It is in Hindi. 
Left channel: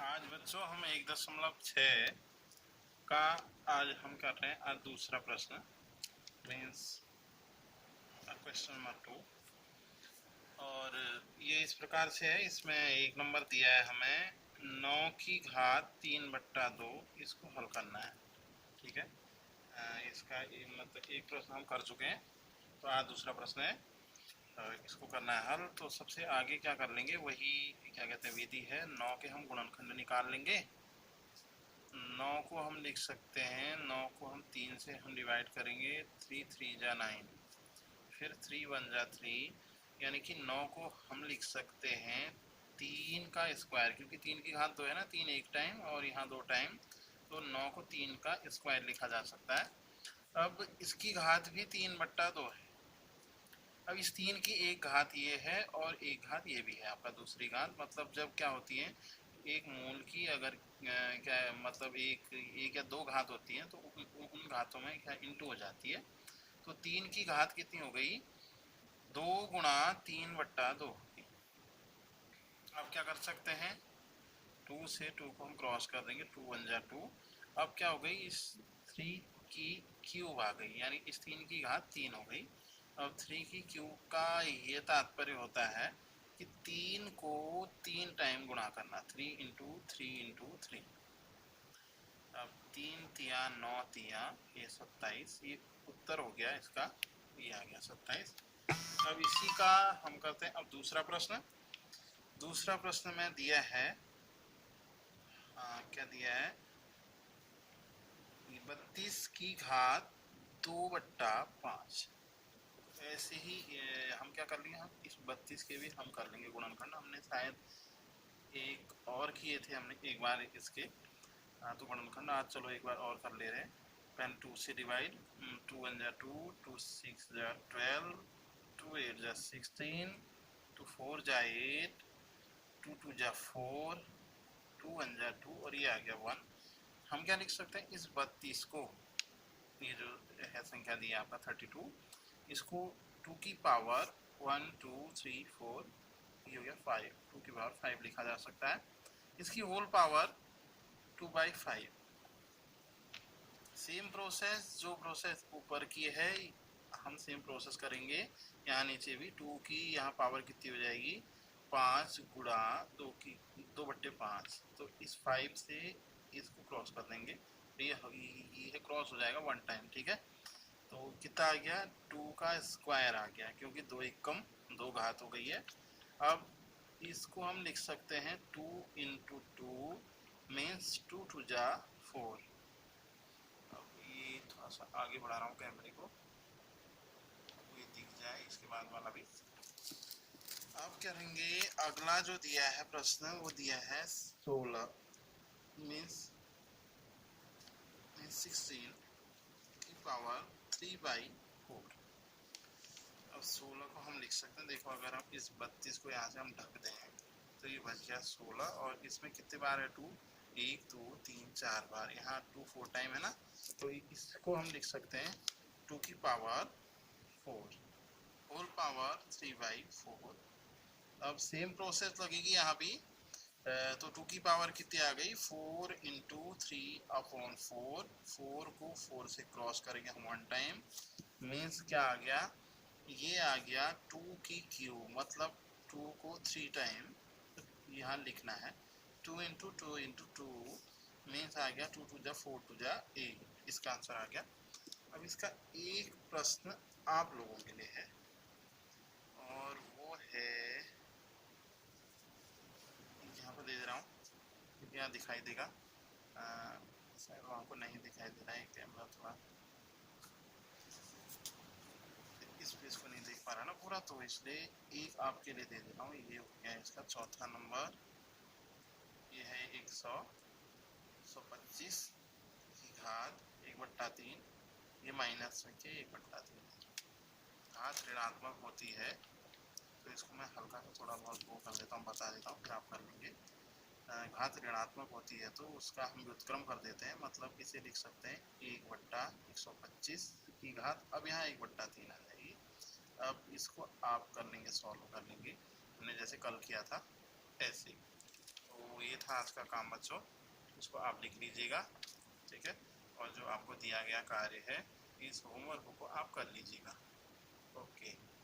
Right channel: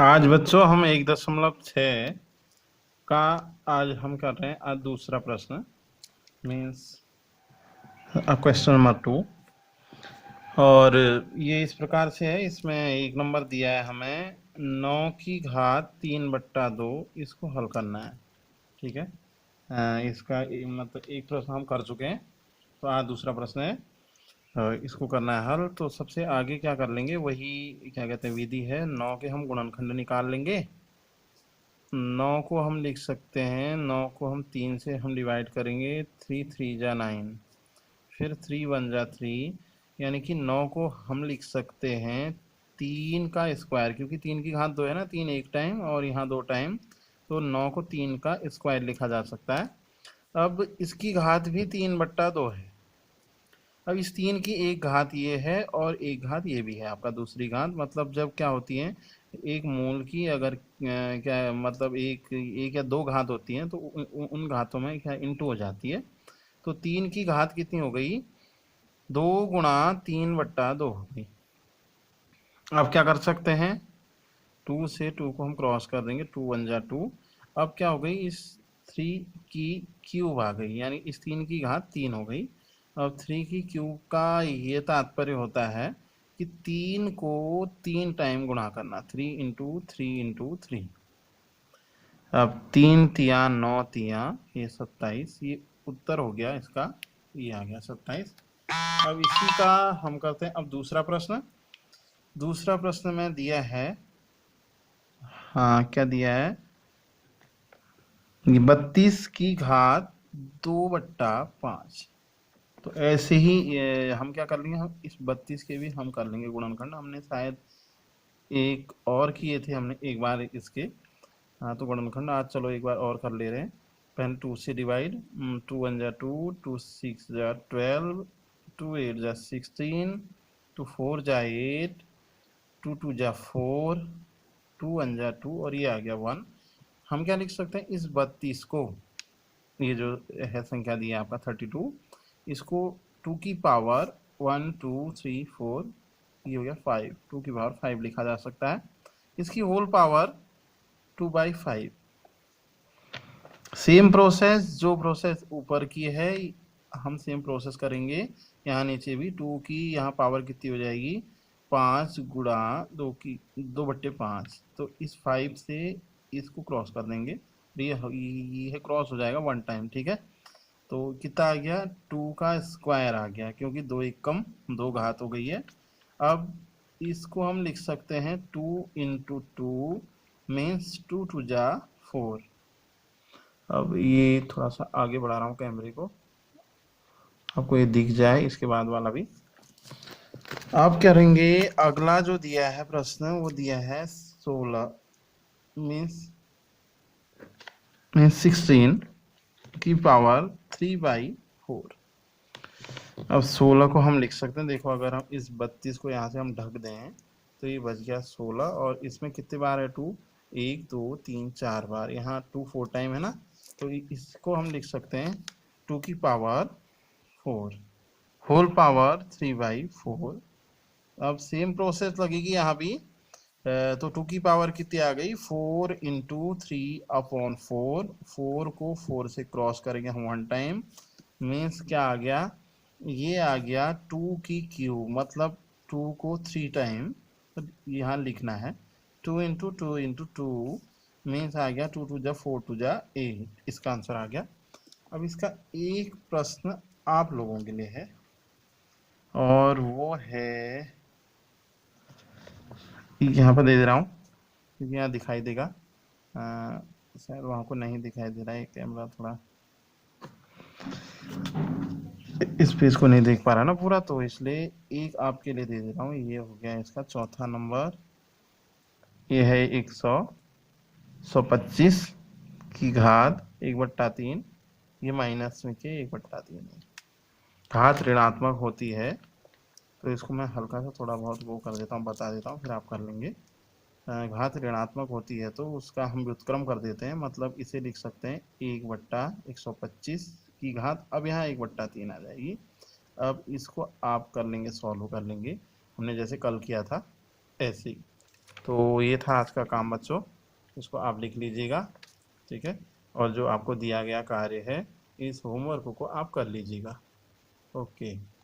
आज बच्चों हम 1.6 का आज हम कर रहे हैं आज दूसरा प्रश्न मीन्स क्वेश्चन नंबर 2। और ये इस प्रकार से है, इसमें एक नंबर दिया है हमें 9⁻³ इसको हल करना है। ठीक है, इसका मतलब एक प्रश्न हम कर चुके हैं, तो आज दूसरा प्रश्न है। इसको करना है हल। तो सबसे आगे क्या कर लेंगे, वही क्या कहते हैं विधि है। 9 के हम गुणनखंड निकाल लेंगे। 9 को हम लिख सकते हैं, 9 को हम 3 से हम डिवाइड करेंगे। 3 3 जा 9, फिर 3 1 जा 3, यानी कि 9 को हम लिख सकते हैं 3 का स्क्वायर, क्योंकि 3 की घात 2 है ना, 3 एक टाइम और यहाँ 2 टाइम, तो 9 को 3 का स्क्वायर लिखा जा सकता है। अब इसकी घात भी 3/2 है। अब इस 3 की एक घात ये है और एक घात ये भी है, आपका दूसरी घात। मतलब जब क्या होती है, एक मूल की अगर क्या मतलब एक या दो घात होती हैं, तो उन घातों में क्या इंटू हो जाती है। तो 3 की घात कितनी हो गई, 2 × 3/2 हो गई। अब क्या कर सकते हैं, 2 से 2 को हम क्रॉस कर देंगे, 2 1 जा 2। अब क्या हो गई, इस 3 की क्यूब आ गई, यानी इस 3 की घात 3 हो गई। अब 3 की क्यूब का ये तात्पर्य होता है कि 3 को 3 टाइम गुणा करना, 3 × 3 × 3। अब 3 तिया 9 तिया ये 27, ये उत्तर हो गया इसका, ये आ गया 27। अब इसी का हम करते हैं अब दूसरा प्रश्न। दूसरा प्रश्न में दिया है, हाँ क्या दिया है, 32 की घात 2/5। तो ऐसे ही हम क्या कर लेंगे, हम इस 32 के भी हम कर लेंगे गुणनखंड। हमने शायद एक और किए थे, हमने एक बार इसके, हाँ तो गुणनखंड आज चलो एक बार और कर ले रहे हैं। पहले 2 से डिवाइड, 2 1 जा 2, 2 6 जा 12, 2 8 जा 16, 2 4 जा 8, 2 2 जा 4, 2 1 जा 2 और ये आ गया 1। हम क्या लिख सकते हैं, इस 32 को, ये जो है संख्या दी है आपका 32, इसको 2 की पावर 1 2 3 4, ये हो गया 5, 2 की पावर 5 लिखा जा सकता है। इसकी होल पावर 2/5। सेम प्रोसेस, जो प्रोसेस ऊपर की है हम सेम प्रोसेस करेंगे। यहाँ नीचे भी 2 की यहाँ पावर कितनी हो जाएगी, 5 गुणा 2 की 2/5। तो इस 5 से इसको क्रॉस कर देंगे, ये क्रॉस हो जाएगा 1 टाइम। ठीक है, तो कितना आ गया, 2 का स्क्वायर आ गया, क्योंकि 2 एक कम 2 घात हो गई है। अब इसको हम लिख सकते हैं 2 × 2 मीन्स 2 2 जा 4। अब ये थोड़ा सा आगे बढ़ा रहा हूँ कैमरे को, आपको ये दिख जाए। इसके बाद वाला भी आप करेंगे। अगला जो दिया है प्रश्न, वो दिया है 16 मीन्स 16 की पावर 3/4। अब 16 को हम लिख सकते हैं, देखो अगर हम इस 32 को यहाँ से हम ढक दें, तो ये बच गया 16। और इसमें कितने बार है 2, 1 2 3 4 बार, यहाँ 2 4 टाइम है ना, तो इसको हम लिख सकते हैं 2 की पावर 4 होल पावर 3/4। अब सेम प्रोसेस लगेगी यहाँ भी। तो 2 की पावर कितनी आ गई, 4 × 3/4। 4 को 4 से क्रॉस करेंगे हम 1 टाइम, मीन्स क्या आ गया, ये आ गया 2 की क्यूब, मतलब 2 को 3 टाइम यहाँ लिखना है। 2 × 2 × 2 मीन्स आ गया 2 2 जा 4 2 जा 8, इसका आंसर आ गया। अब इसका एक प्रश्न आप लोगों के लिए है, और वो है यहाँ पर दे रहा हूँ, क्योंकि यहाँ दिखाई देगा, शायद वहाँ को नहीं दिखाई दे रहा है, कैमरा थोड़ा इस पेज को नहीं देख पा रहा ना पूरा, तो इसलिए एक आपके लिए दे दे रहा हूँ। ये हो गया इसका चौथा नंबर, ये है 125 की घात 1/3, ये माइनस में के 1/3 है। घात ऋणात्मक होती है, तो इसको मैं हल्का सा थोड़ा बहुत वो कर देता हूँ, बता देता हूँ, फिर आप कर लेंगे। घात ऋणात्मक होती है तो उसका हम व्युत्क्रम कर देते हैं, मतलब इसे लिख सकते हैं 1/125 की घात। अब यहाँ 1/3 आ जाएगी। अब इसको आप कर लेंगे, सॉल्व कर लेंगे, हमने जैसे कल किया था ऐसे ही। तो ये था आज का काम बच्चों, इसको आप लिख लीजिएगा, ठीक है। और जो आपको दिया गया कार्य है, इस होमवर्क को आप कर लीजिएगा। ओके।